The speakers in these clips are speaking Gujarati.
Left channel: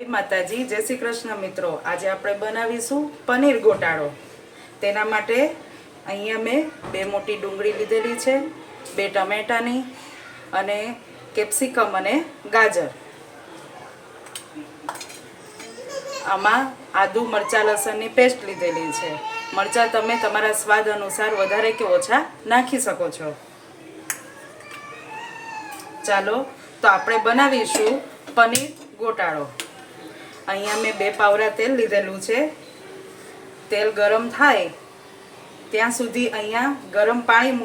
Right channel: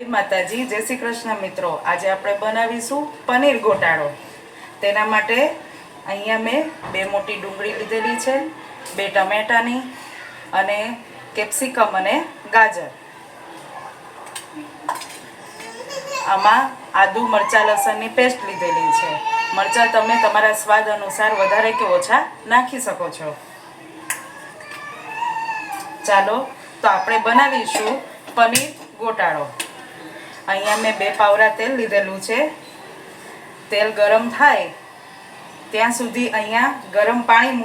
જય માતાજી, જય શ્રી કૃષ્ણ મિત્રો। આજે આપણે બનાવીશું પનીર ગોટાળો। તેના માટે અહીંયા મેં 2 મોટી ડુંગળી લીધેલી છે, 2 ટમેટાની અને કેપ્સિકમ અને ગાજર। આમાં આદુ મરચાં લસણની પેસ્ટ લીધેલી છે। મરચાં તમે તમારા સ્વાદ અનુસાર વધારે કે ઓછા નાખી શકો છો। ચાલો તો આપણે બનાવીશું પનીર ગોટાળો। અહીંયા મેં 2 પાવરા તેલ લીધેલું છે। તેલ ગરમ થાય ત્યાં સુધી અહીંયા ગરમ પાણી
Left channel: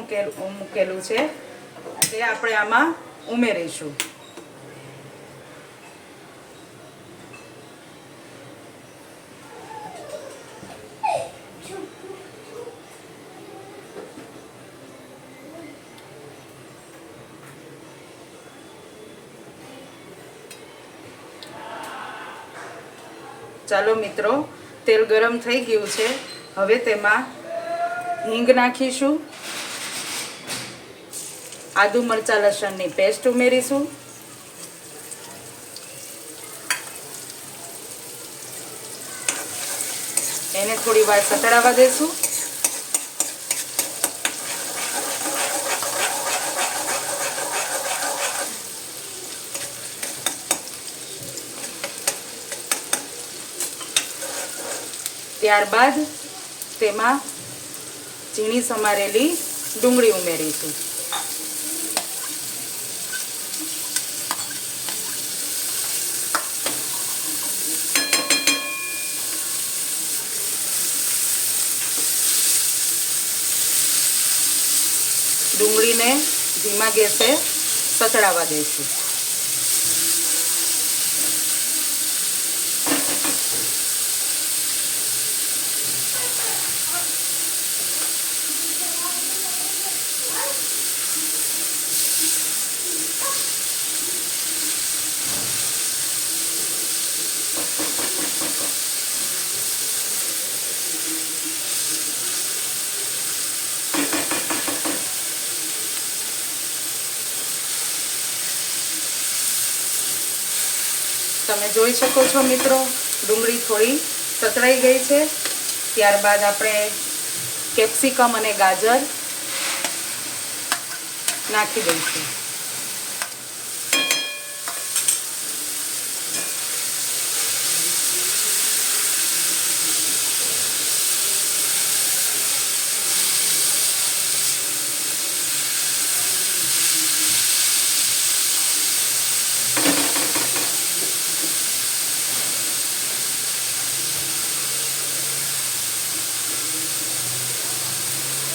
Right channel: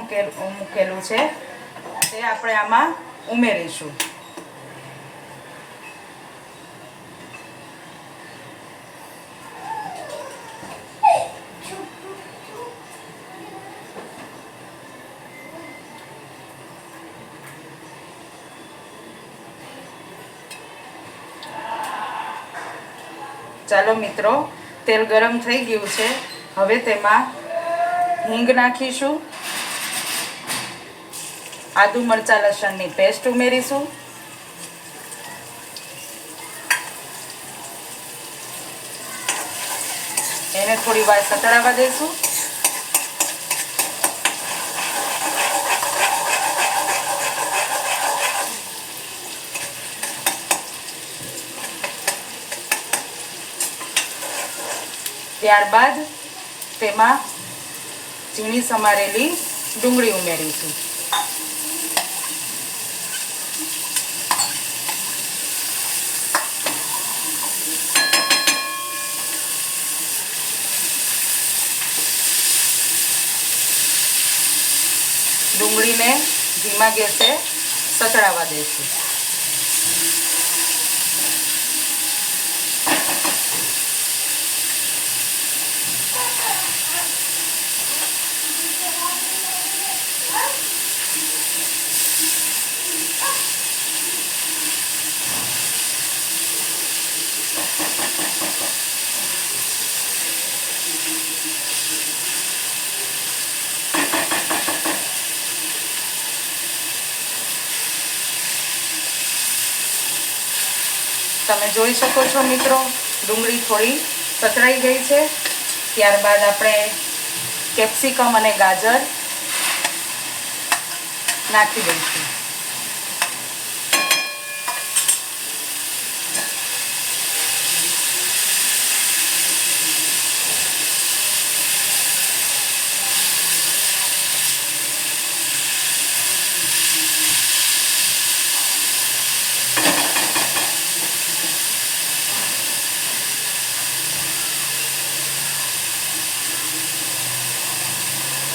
મૂકેલું છે, તે આપણે આમાં ઉમેરીશું। ચાલો મિત્રો, તેલ ગરમ થઈ ગયું છે। હવે તેમાં હિંગ નાખીશું, આદુ મરચાં લસણની પેસ્ટ ઉમેરીશું, એને થોડી વાર સતળાવા દેશું। ત્યારબાદ તેમાં ઝીણી સમારેલી ડુંગળી ઉમેરીશું। ડુંગળીને ધીમા ગેસે સતળાવા દઈશું। તમે જોઈ શકો છો મિત્રો, ડુંગળી થોડી સતળાઈ ગઈ છે। ત્યારબાદ આપણે કેપ્સિકમ અને ગાજર નાખી દઈશું।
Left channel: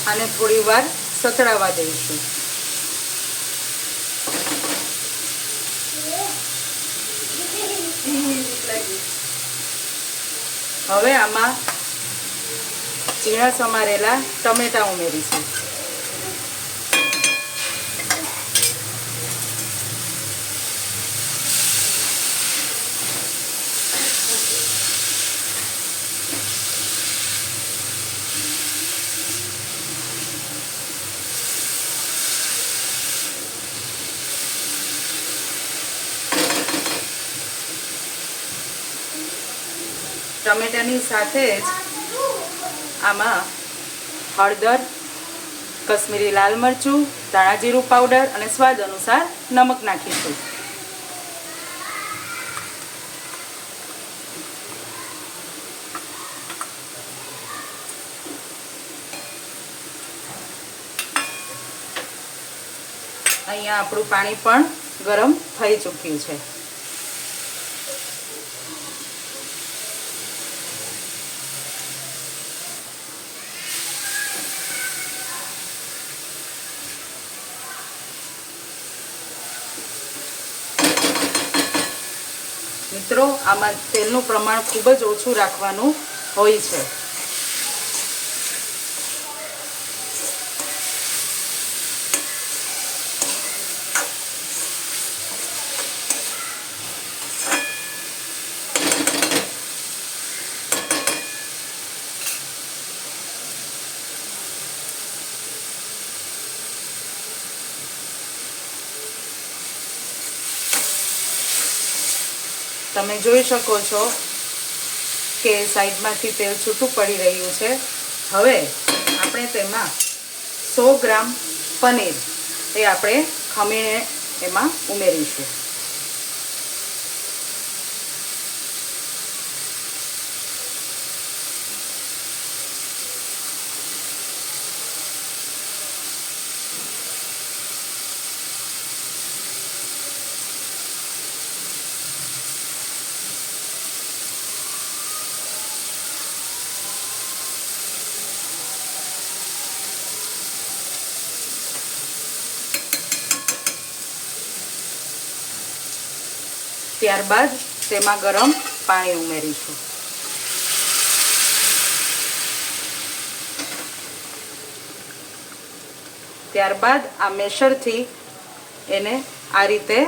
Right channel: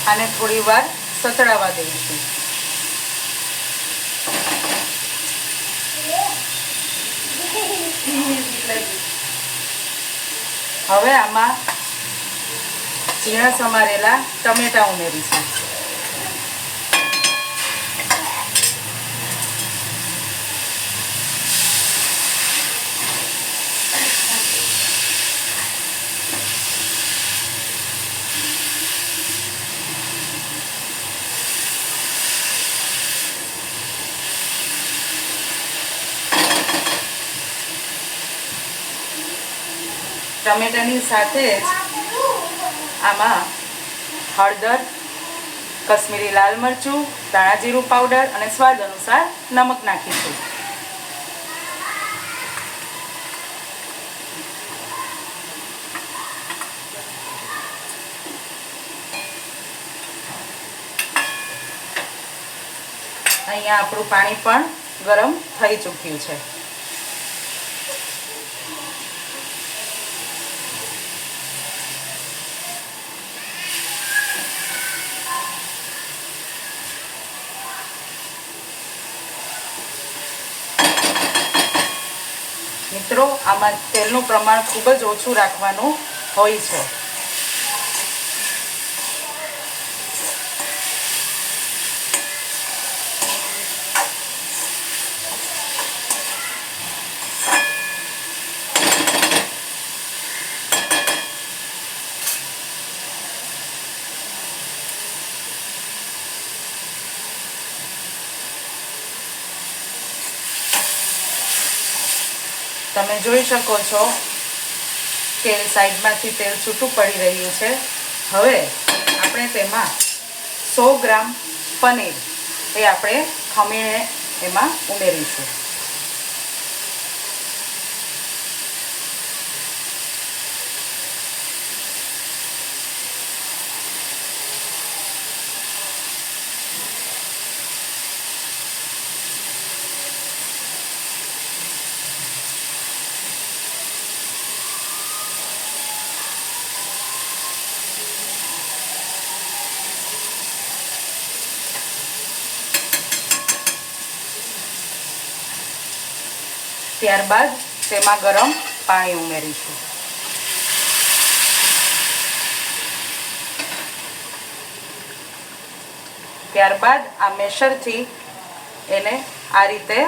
આને થોડી વાર સતળાવા દઈશું। હવે આમાં ઝીણા સમારેલા ટમેટા ઉમેરીશું। ટમેટાની સાથે જ આમાં હળદર, કશ્મીરી લાલ મરચું, ધાણા જીરું પાવડર અને સ્વાદ અનુસાર નમક નાખીશું। અહીંયા આપણું પાણી પણ ગરમ થઈ ચૂક્યું છે। મિત્રો, આમાં તેલનું પ્રમાણ ખૂબ જ ઓછું રાખવાનું હોય છે। તમે જોઈ શકો છો કે સાઈડમાંથી તેલ છૂટું પડી રહ્યું છે. હવે આપણે તેમાં 100 ગ્રામ પનીર એ આપણે ખમીને એમાં ઉમેરીશું. ત્યારબાદ તેમાં ગરમ પાણી ઉમેરીશું. ત્યારબાદ આ મેશરથી એને આ રીતે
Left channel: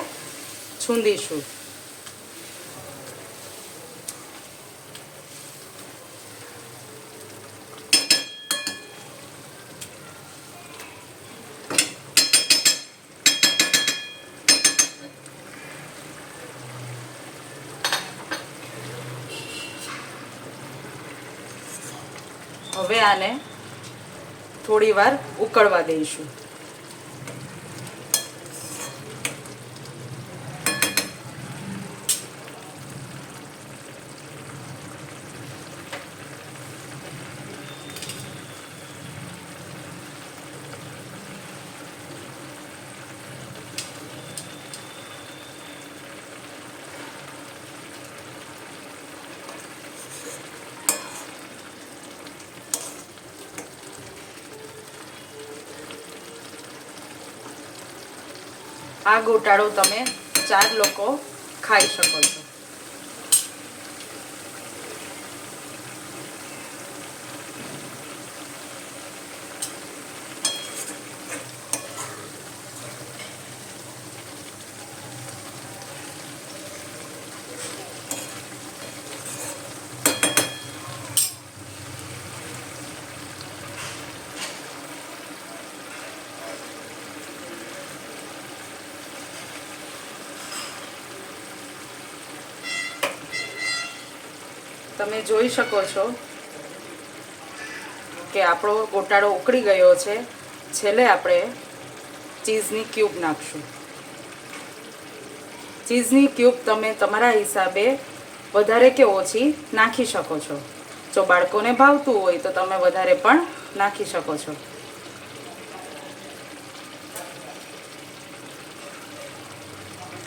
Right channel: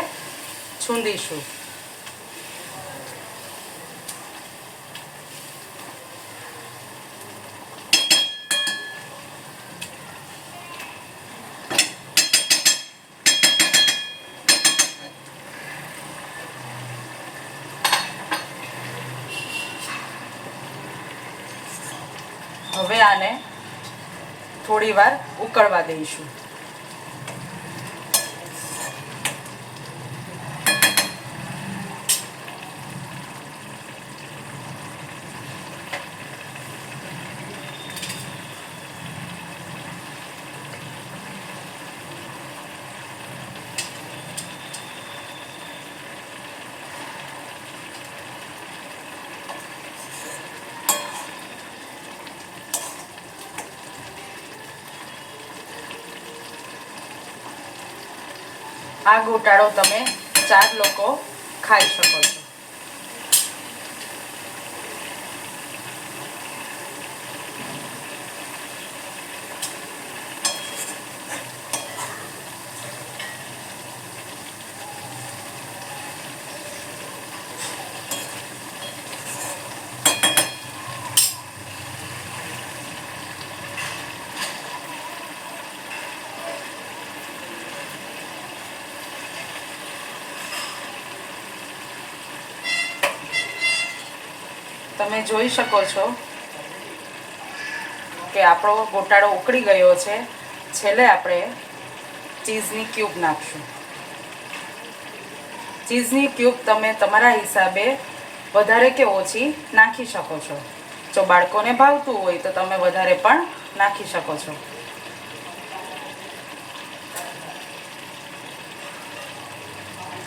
છૂંદીશું. હવે આને થોડી વાર ઉકળવા દઈશું. આ ગોટાળો તમે 4 લોકો ખાઈ શકો છો. તમે જોઈ શકો છો કે આપણો ગોટાળો ઉકળી ગયો છે. છેલ્લે આપણે ચીઝની ક્યુબ નાખશું. ચીઝની ક્યુબ તમે તમારા હિસાબે વધારે કે ઓછી નાખી શકો છો. જો બાળકોને ભાવતું હોય તો તમે વધારે પણ નાખી શકો છો.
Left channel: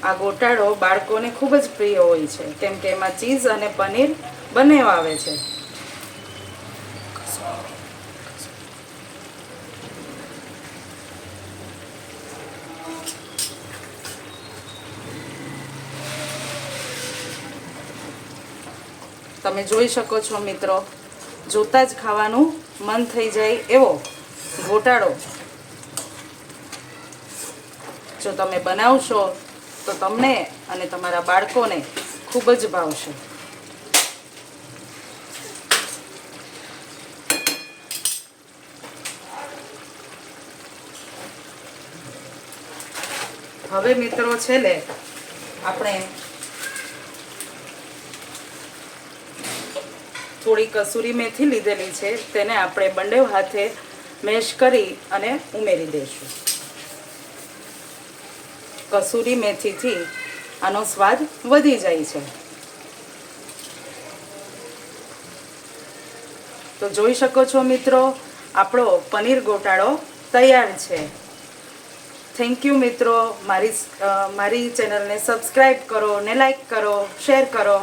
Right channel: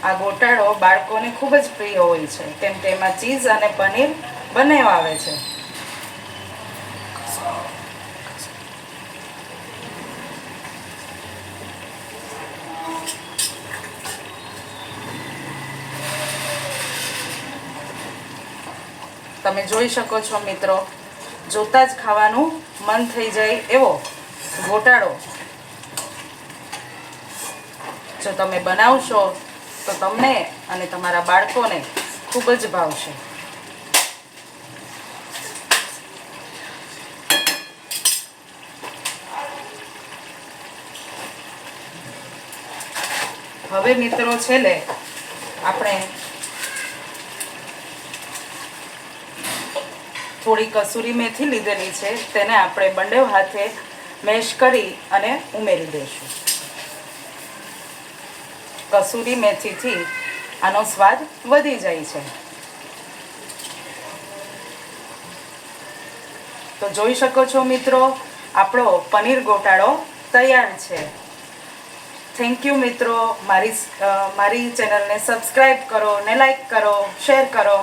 આ ગોટાળો બાળકોને ખૂબ જ પ્રિય હોય છે, કેમ કે એમાં ચીઝ અને પનીર બંને આવે છે. તમે જોઈ શકો છો મિત્રો, જોતા જ ખાવાનું મન થઈ જાય એવો ગોટાળો જો તમે બનાવશો તો તમને અને તમારા બાળકોને ખૂબ જ ભાવશે. હવે મિત્રો છેલ્લે આપણે થોડી કસૂરી મેથી લીધેલી છે, તેને આપણે બંને હાથે મેશ કરી અને ઉમેરી દઈશું. કસૂરી મેથીથી આનો સ્વાદ વધી જાય છે. તો જોઈ શકો છો મિત્રો, આપણો પનીર ગોટાળો તૈયાર છે. થેન્ક યુ મિત્રો. મારી ચેનલને સબસ્ક્રાઈબ કરો ને લાઈક કરો, શેર કરો.